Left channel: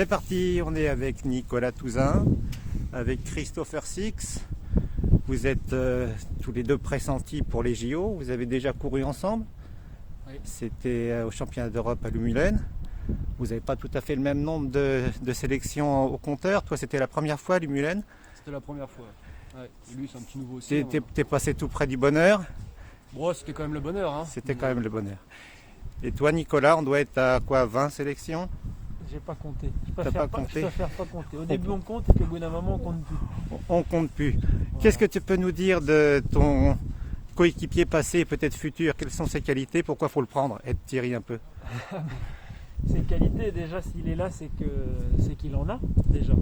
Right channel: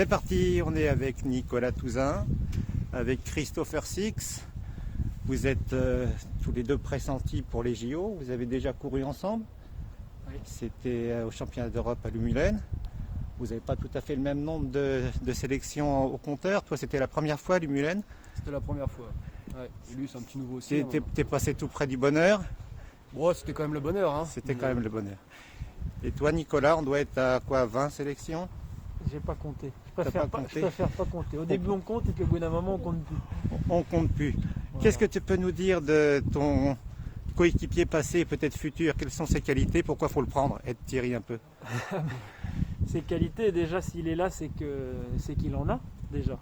C'est parti, on est avec Nicolas Touzin, avec Christopher Six. Vous êtes tous les deux pressentis pour les JO. Vous avez déjà couru ensemble. Oui. C'était au championnat d'Europe à Lumülen. Vous n'avez pas tout à fait le même nombre de sélections au compteur. Toi, c'était la première fois à Lumülen. C'était la première fois. Ouais. Et lui, c'est un petit nouveau aussi. T'es passé tout près du bonheur. Bon, c'était quand même le bonheur. Hein. C'était quand même le bonheur. Et toi, Nicolas, on doit être à quoi, 20 sélections? J'ai pas compté. Je T'as préfère pas pas, compté? je préfère pas compter. Au début on compte et puis au bout d'un moment on compte plus. On compte plus. Voilà. Qu'est-ce que tu peux nous dire de ton coéquipier passé et peut-être futur? Quelles sont ses qualités? Pourquoi faut le prendre? Aide Thierry un peu. Ses qualités, déjà s'il est là, c'est qu'il en a déjà.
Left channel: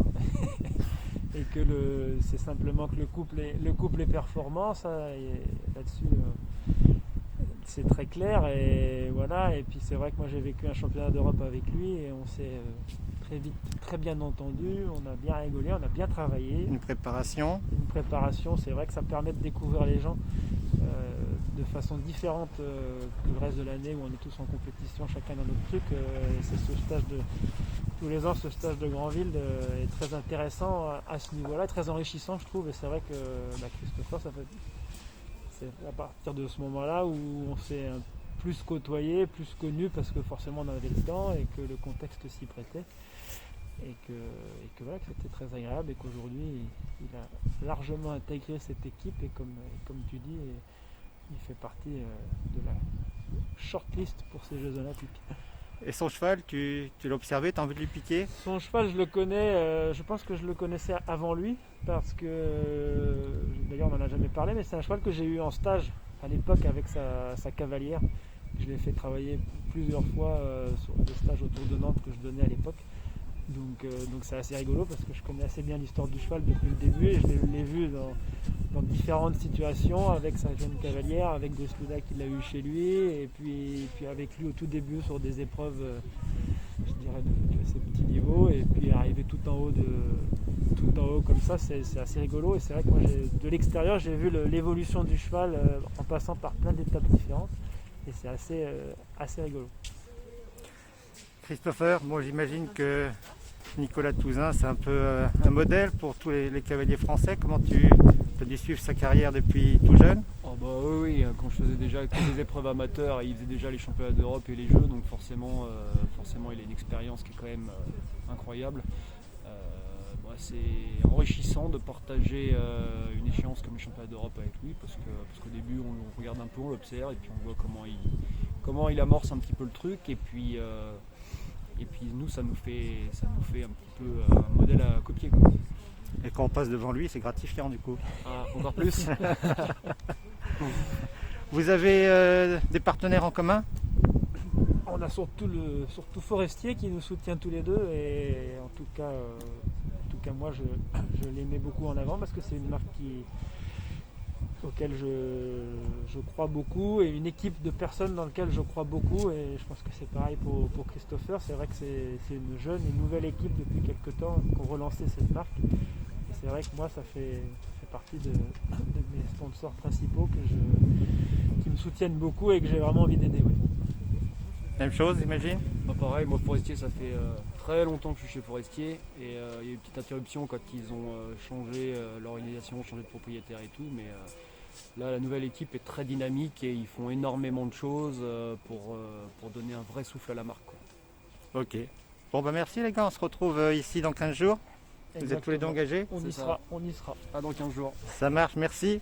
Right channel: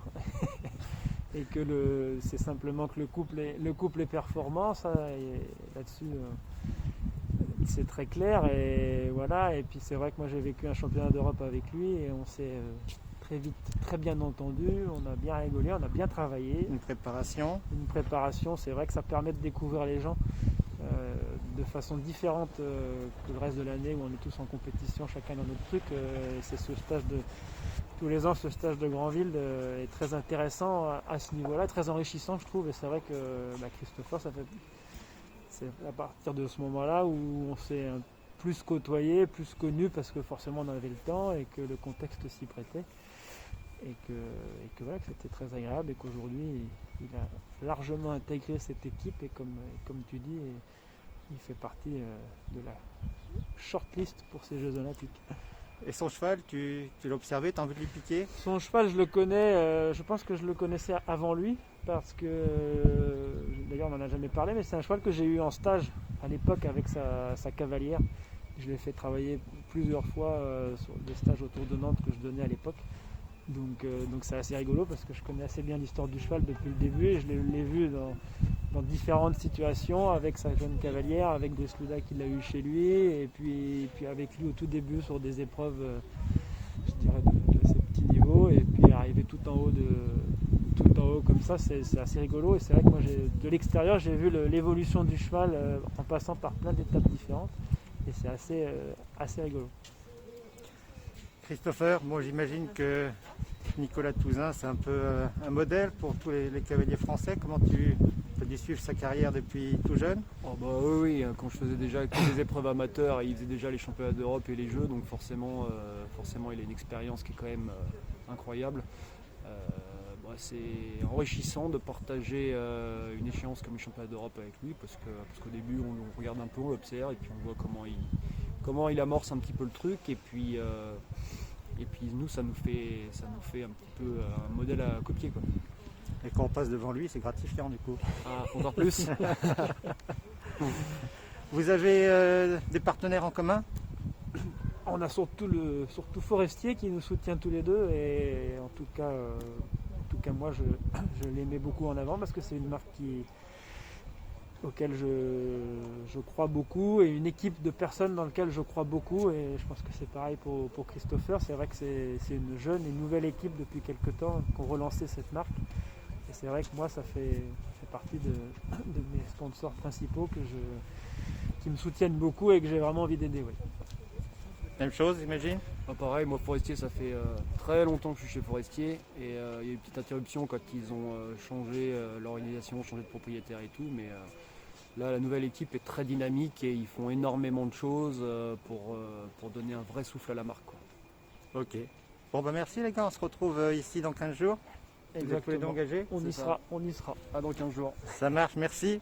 Et que c'est simplement que le couple est performant, ça, et là-dessus c'est très clair. Et voilà. Et puis c'est vrai que moi j'ai vécu un championnat d'Europe avec lui et on s'est très vite très bien entendu, on a bien rigolé, on a bien travaillé. Une préparation. C'est vrai que ça permet de découvrir les gens de façon différente que le reste de l'année où on est tous en compétition, chacun dans notre truc. C'est ce stage tous les ans, ce stage de Granville est très intéressant à ce niveau-là, très enrichissant je trouve. Et c'est vrai que Christopher, c'est à partir de ce moment-là où on s'est plus côtoyé, plus connu, parce que forcément on avait le temps et que le contexte s'y prêtait. Et que voilà, que c'était très agréable et qu'aujourd'hui il a largement intégré cette équipe et comme tu dis, il fait partie de la shortlist pour ces Jeux Olympiques. Et son cheval, tu l'as observé, tu as envie de lui piquer? Son cheval, je le connais, je pense que je le connaissais avant lui, parce que, d'ailleurs on n'en a jamais parlé, mais c'est un cheval que j'ai eu en stage à l'époque avec sa cavalière. Je l'ai fait travailler plusieurs fois sur des stages autour de Nantes que je donnais à l'époque. Donc c'est assez rigolo parce que je connais assez bien l'histoire du cheval depuis le début et je l'ai vu dans différentes situations avec sa jeune cavalière, avec des Sluda qu'il a eu chez lui et puis avec lui au tout début sur des épreuves je dirais de ces petits niveaux, et puis arriver tout en haut comme ça, c'est assez rigolo. Et c'est vrai que moi de l'extérieur j'ai vu l'évolution du cheval en passant par plein d'étapes différentes et c'est assez rigolo. Christopher, moi j'imagine que Nicolas Touzin, c'est un peu un modèle pour tous les cavaliers français. Comment tu as dû suivre sa carrière depuis tout jeune? Oh bah oui, quand je faisais déjà que des épreuves amateurs, il faisait déjà les championnats d'Europe et les Jeux, donc forcément il a une expérience qui est quand même incroyable. C'est enrichissant de partager une échéance comme les championnats d'Europe avec lui, parce qu'au début on regarde un peu, on l'observe et puis on voit comment il amorce un petit peu le truc, et puis nous ça nous fait un petit peu un modèle à copier, quoi. Et quand on passe devant lui, c'est gratifiant du coup. Ah, encore plus. Vous avez des partenaires en commun? On a surtout Forestier qui nous soutient tous les deux, et en tout cas moi je l'aimais beaucoup en avant parce que c'est une marque auquel je crois beaucoup, et une équipe de personnes dans laquelle je crois beaucoup, et je pense que c'est pareil pour Christopher. C'est vrai que c'est une jeune et nouvelle équipe depuis quelques temps qui ont relancé cette marque, et c'est vrai que moi ça fait partie de mes sponsors principaux qui me soutiennent beaucoup et que j'ai vraiment envie d'aider. Oui. Même chose, j'imagine? Bah pareil, moi Forestier, ça fait très longtemps que je suis chez Forestier, et il y a eu une petite interruption quand ils ont changé l'organisation, changé de propriétaire et tout, mais là la nouvelle équipe est très dynamique et ils font énormément de choses pour donner un vrai souffle à la marque, quoi. Ok. Bon bah merci les gars, on se retrouve ici dans 15 jours. Vous êtes tous les deux engagés? On y sera. Ah, dans 15 jours. Ça marche, merci.